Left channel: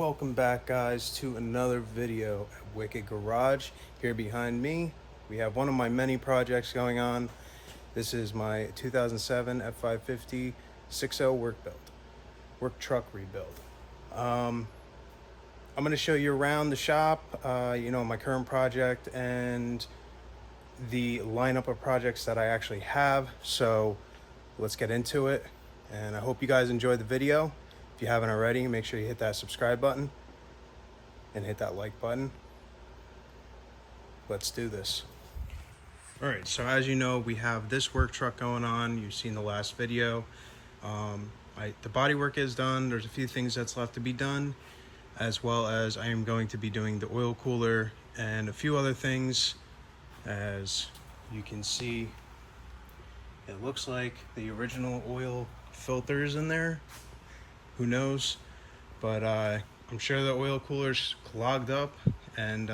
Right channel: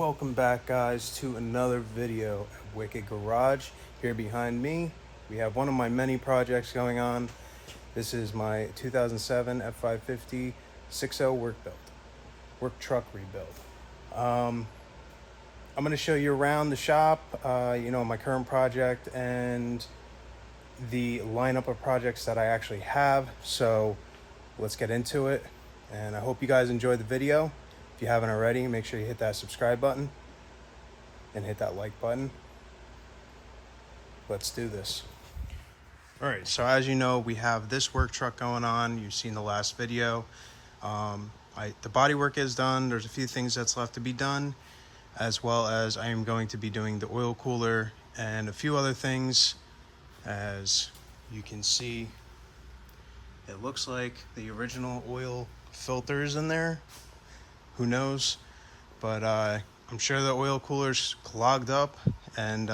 Welcome back, guys, to another video at Wicked Garage. Here behind me we have one of my many projects going on. This is my 2007 F550 6.0 work truck rebuild. I'm going to show you around the shop, my current project and the lineup of projects that I actually have. So let's get into it, and I hope you guys enjoyed the video. If you haven't already, make sure you hit that subscribe button and hit that like button. Let's do this. All right, so as you know, we have this work truck going on. You've seen the last video. The body work is done. There's a few things that's left to be done, as well as I am going to be doing the oil cooler and a few other things. As you can see, it looks like the original oil filter is in there. Who knows? But I'm sure the oil cooler's clogged up, and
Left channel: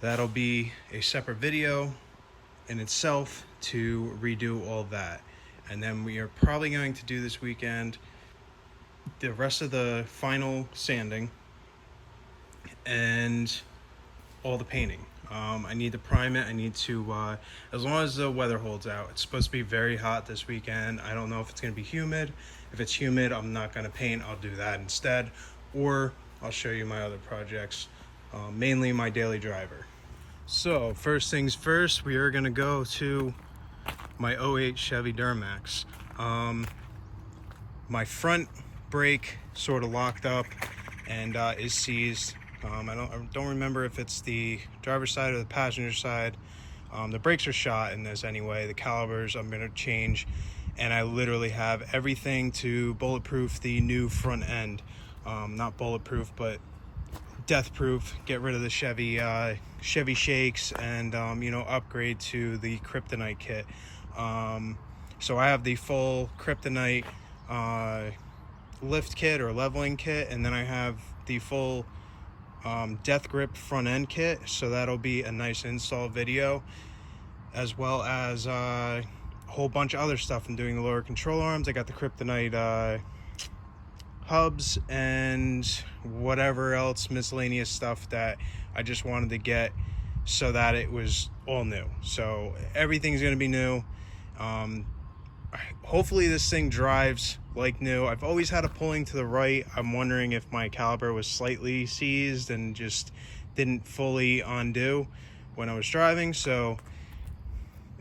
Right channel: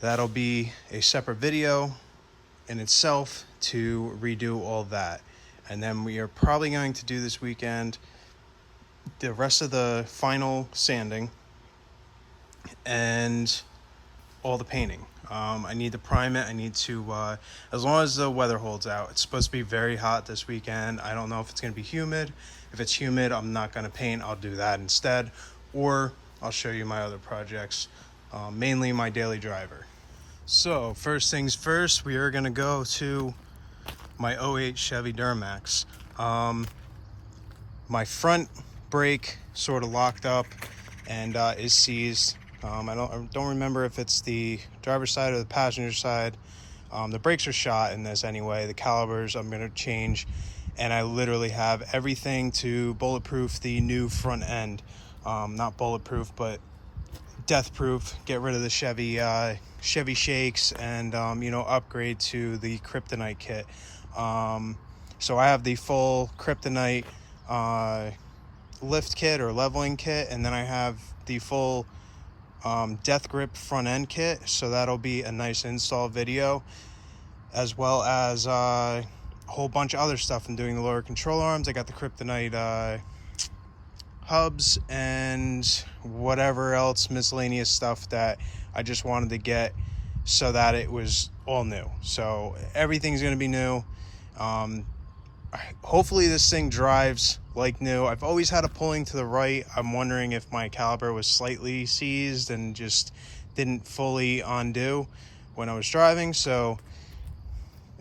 that'll be a separate video in itself to redo all that. And then we are probably going to do this weekend the rest of the final sanding and all the painting. I need to prime it. I need to, as long as the weather holds out. It's supposed to be very hot this weekend. I don't know if it's going to be humid. If it's humid, I'm not going to paint. I'll do that instead. Or I'll show you my other projects, mainly my daily driver. So first things first, we are going to go to my '08 Chevy Duramax. My front brake sort of locked up and is seized. I don't remember if it's the driver's side or the passenger side. The brakes are shot in this anyway. The calipers I'm going to change, and I literally have everything to bulletproof the new front end. Not bulletproof, but death proof. Get rid of the Chevy shakes and upgrade to the kryptonite kit. So I have the full kryptonite lift kit or leveling kit, and then I have the full death grip front end kit. So that'll be a nice install video, as well as a whole bunch of other stuff. I'm doing the lower control arms. I got the kryptonite hubs and whatever else miscellaneous stuff that I just wanted to get so that it was all new. So everything's going to be new. Hopefully this thing drives like new. I've always had a pulling to the right. I'm wondering if my caliper was slightly seized and just didn't fully undo when I was driving. So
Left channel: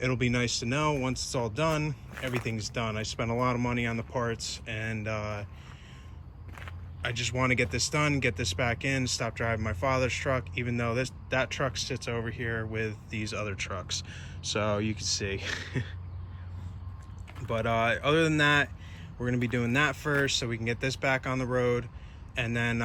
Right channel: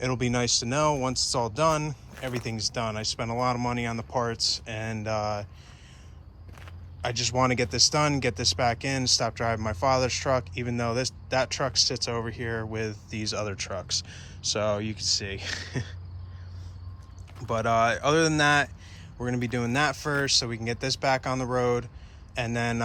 it'll be nice to know once it's all done, everything's done. I spent a lot of money on the parts, and I just want to get this done, get this back in, stop driving my father's truck, even though that truck sits over here with these other trucks. So you can see. But other than that, we're going to be doing that first so we can get this back on the road. And then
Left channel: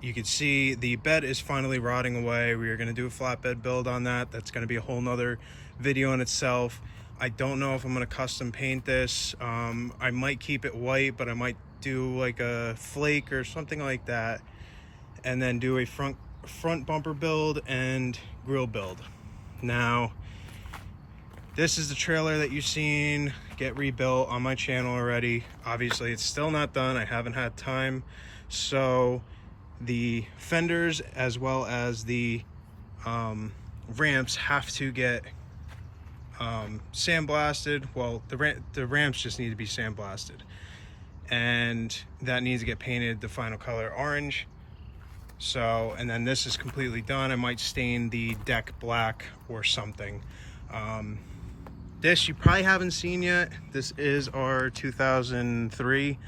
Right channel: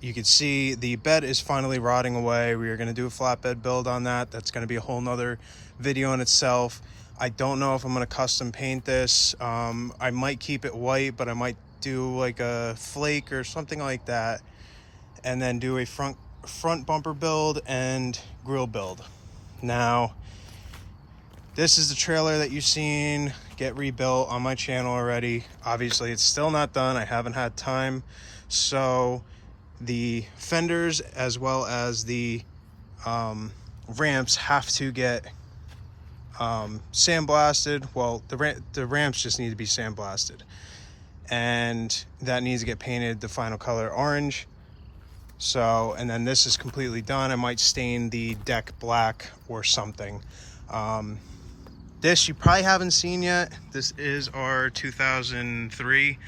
you can see the bed is finally rotting away. We are going to do a flatbed build on that. That's going to be a whole nother video in itself. I don't know if I'm going to custom paint this. I might keep it white, but I might do like a flake or something like that, and then do a front bumper build and grill build. Now, this is the trailer that you've seen get rebuilt on my channel already. Obviously, it's still not done. I haven't had time. So the fenders as well as the ramps have to get sandblasted. Well, the ramps just need to be sandblasted, and that needs to get painted the final color orange. So, and then this is completely done. I might stain the deck black or something. This you probably haven't seen yet. This is our 2003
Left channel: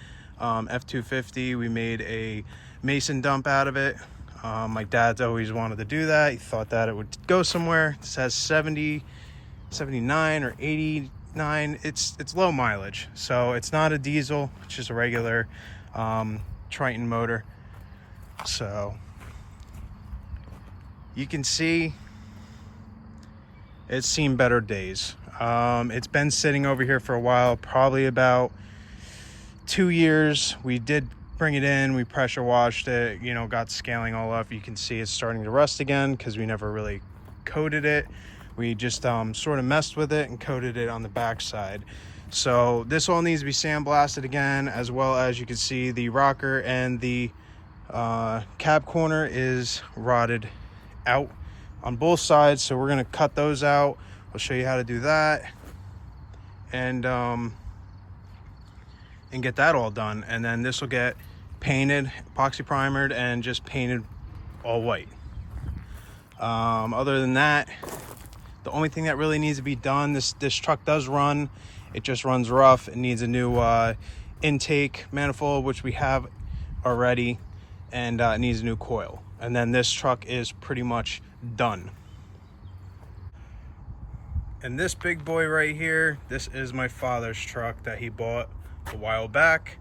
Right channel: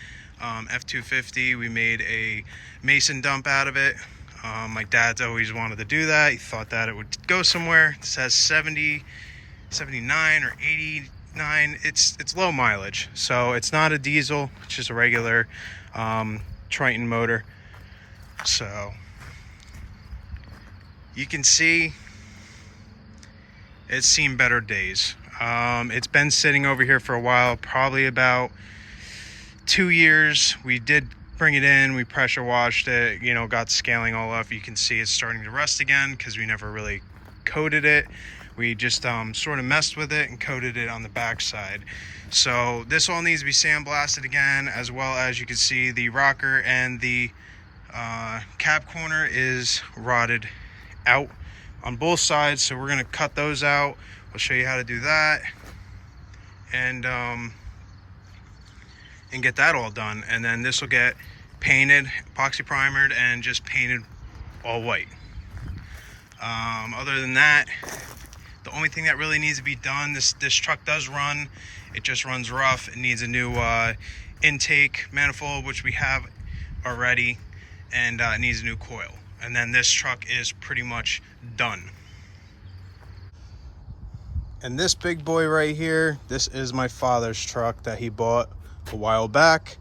F250. We made a mason dump out of it. My dad's always wanted to do that. He thought that it would go somewhere. This has 70, 79 or 89. It's low mileage, so it's not a diesel. It's just a regular Triton motor. So you can see it's seen better days. It's been sitting over here for a while, probably about 2 years. We did bring it in, we pressure washed it, got scaling all up. You can see it's starting to rust again because we never really coated it. We just sort of messed with it and coated it on the back side. So this all needs to be sandblasted again, as well as you can see the rocker and the Cab corner is rotted out on both sides, so we're gonna cut those out. I'll show you how to do that, and get that all done. And then this will get painted, epoxy primered, and just painted all white. Other than that, the only thing that really needs to be done, this truck does run, it just runs rough. It needs a new intake manifold, which we have already, and it needs a new coil. And then this truck is pretty much done. And this big boy right here, this is my father's truck that he bought a while back.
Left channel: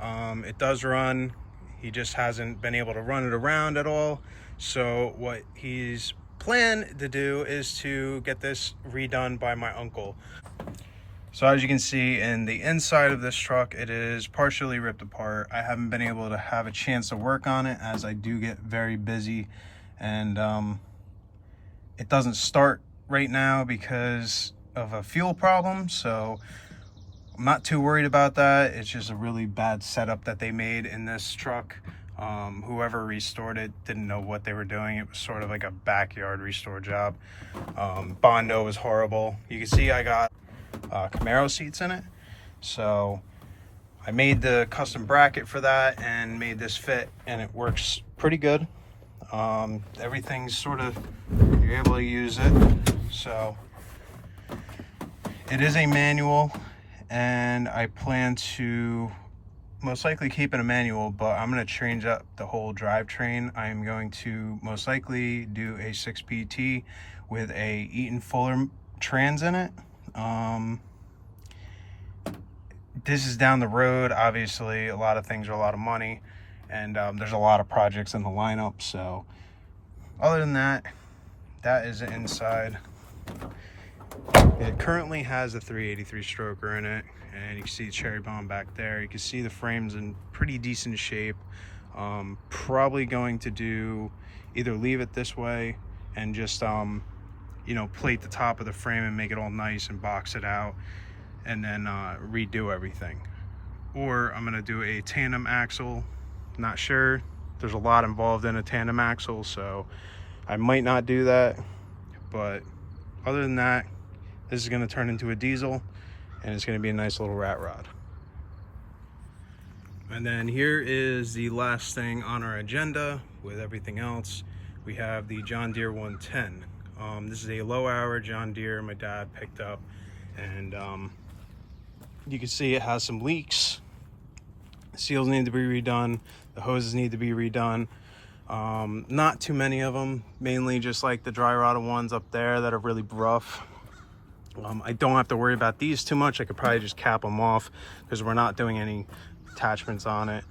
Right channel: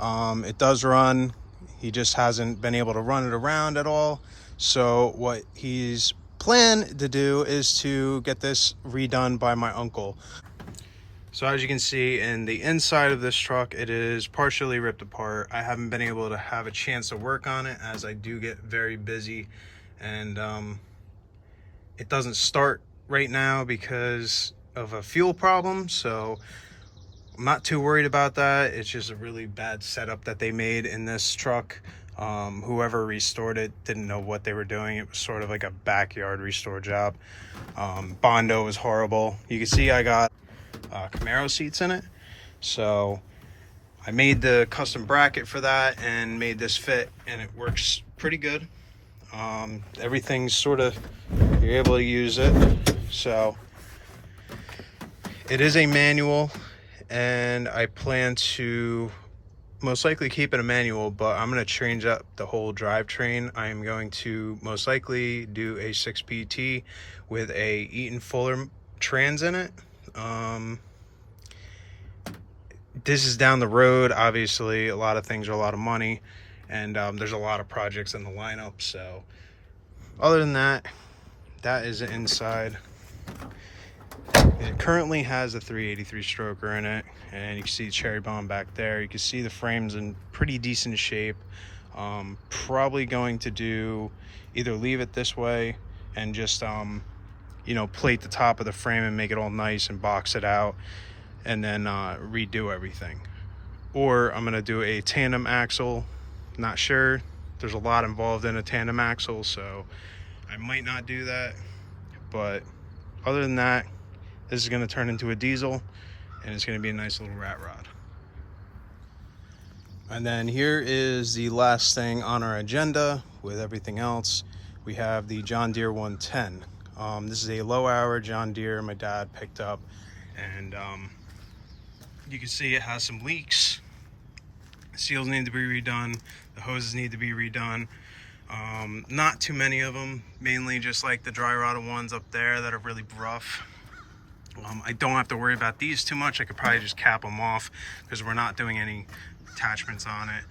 It does run, he just hasn't been able to run it around at all. So what he's planned to do is to get this redone by my uncle. So as you can see in the inside of this truck, it is partially ripped apart. I haven't been able to have a chance to work on it as I do get very busy, and it doesn't start right now because of a fuel problem. So I'm not too worried about that. It's just a really bad setup that they made in this truck. Whoever restored it didn't know what they were doing. It was sort of like a backyard restore job. Bondo was horrible. You can see I got Camaro seats in it, so I made the custom bracket for that and made this fit, and it works pretty good. Everything's sort of, you're able to use it. So it is a manual, and I plan to most likely keep it a manual, but I'm going to change up the whole drivetrain. I am going to most likely do a 6PT with a Eaton Fuller trans in it. This is down the road. Obviously, a lot of things are a lot of money, and there's a lot of projects in the lineup. So other than that, that is inside. It currently has a 383 stroker in it, and you can see the cherry bomb back there. You can see the frame's in pretty decent shape. Probably going to do either leave it this way and just you know, plate the top of the frame and make it all nice and box it out, and then redo everything. Or I'm gonna do a tandem axle. Not sure. There's a lot involved in a tandem axle, so I might not do that. But other than that, this is gonna turn into a diesel, and it's gonna be a nice little rat rod. And then here is the last thing on our agenda with everything else. We have the John Deere 110. This is a low hour John Deere my dad picked up, and you can see it has some leaks. Seals need to be redone. The hoses need to be redone. Not too many of them, mainly just like the dry rotted ones up there that are really rough. I don't have to worry about these too much. I could probably just cap them off because we're not doing any attachments on it.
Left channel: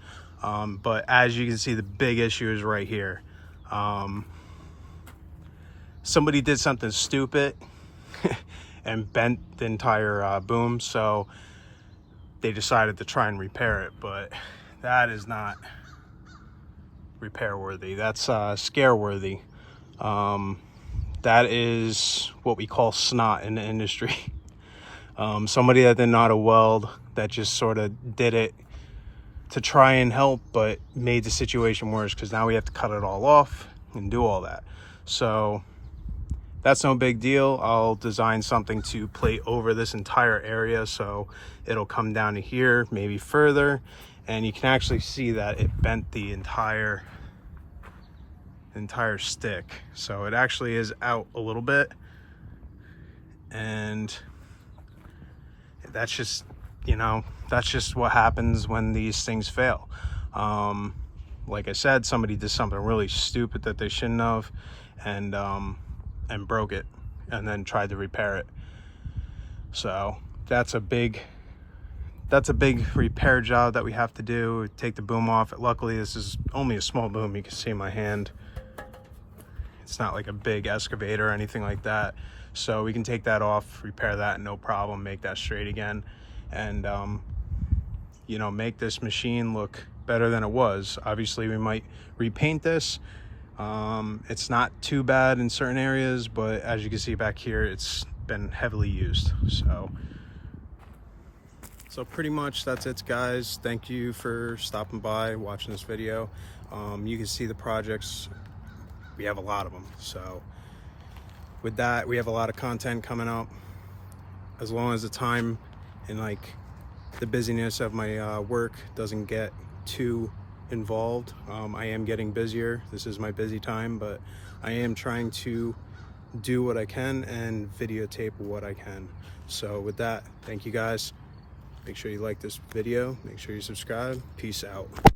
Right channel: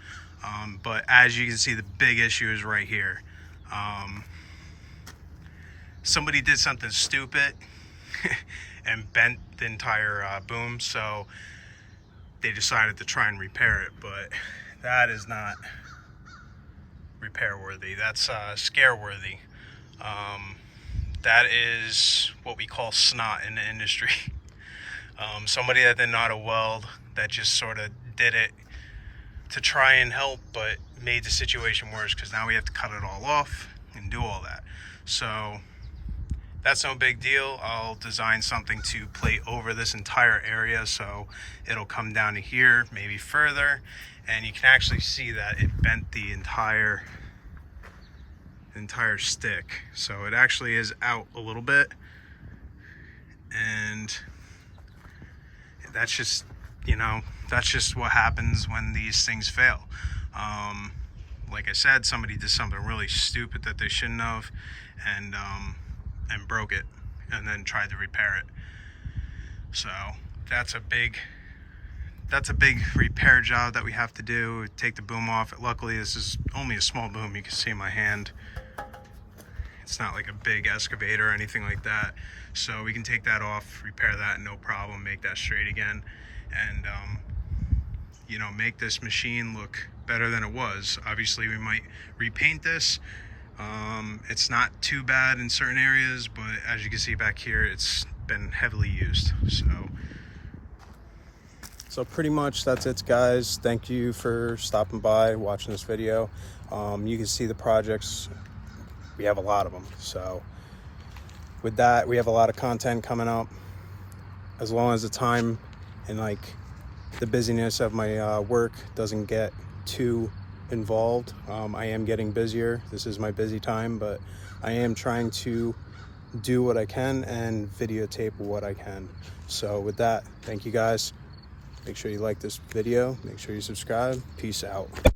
But as you can see, the big issue is right here. Somebody did something stupid and bent the entire boom, so they decided to try and repair it, but that is not repair worthy. That's scare worthy. That is what we call snot in the industry. Somebody that didn't know how to weld, that just sort of did it to try and help, but made the situation worse because now we have to cut it all off and do all that. So that's no big deal. I'll design something to plate over this entire area so it'll come down to here, maybe further, and you can actually see that it bent the entire stick. So it actually is out a little bit, and that's just, you know, that's just what happens when these things fail. Like I said, somebody did something really stupid that they shouldn't have, and broke it, and then tried to repair it. So that's a big repair job that we have to do. Take the boom off. Luckily, this is only a small boom. You can see my hand. It's not like a big excavator or anything like that. So we can take that off, repair that, no problem, make that straight again, and you know, make this machine look better than it was. Obviously, we might repaint this. It's not too bad in certain areas, but as you can see back here, it's been heavily used. So pretty much that's it, guys. Thank you for stopping by, watching this video. You can see the projects. We have a lot of them. So with that, we have a lot of content coming up. As long as the time and like the busyness of my work doesn't get too involved, I am getting busier. This is my busy time, but I am trying to do what I can and videotape what I can. So with that, thank you guys. Make sure you like this video. Make sure you subscribe. Peace out.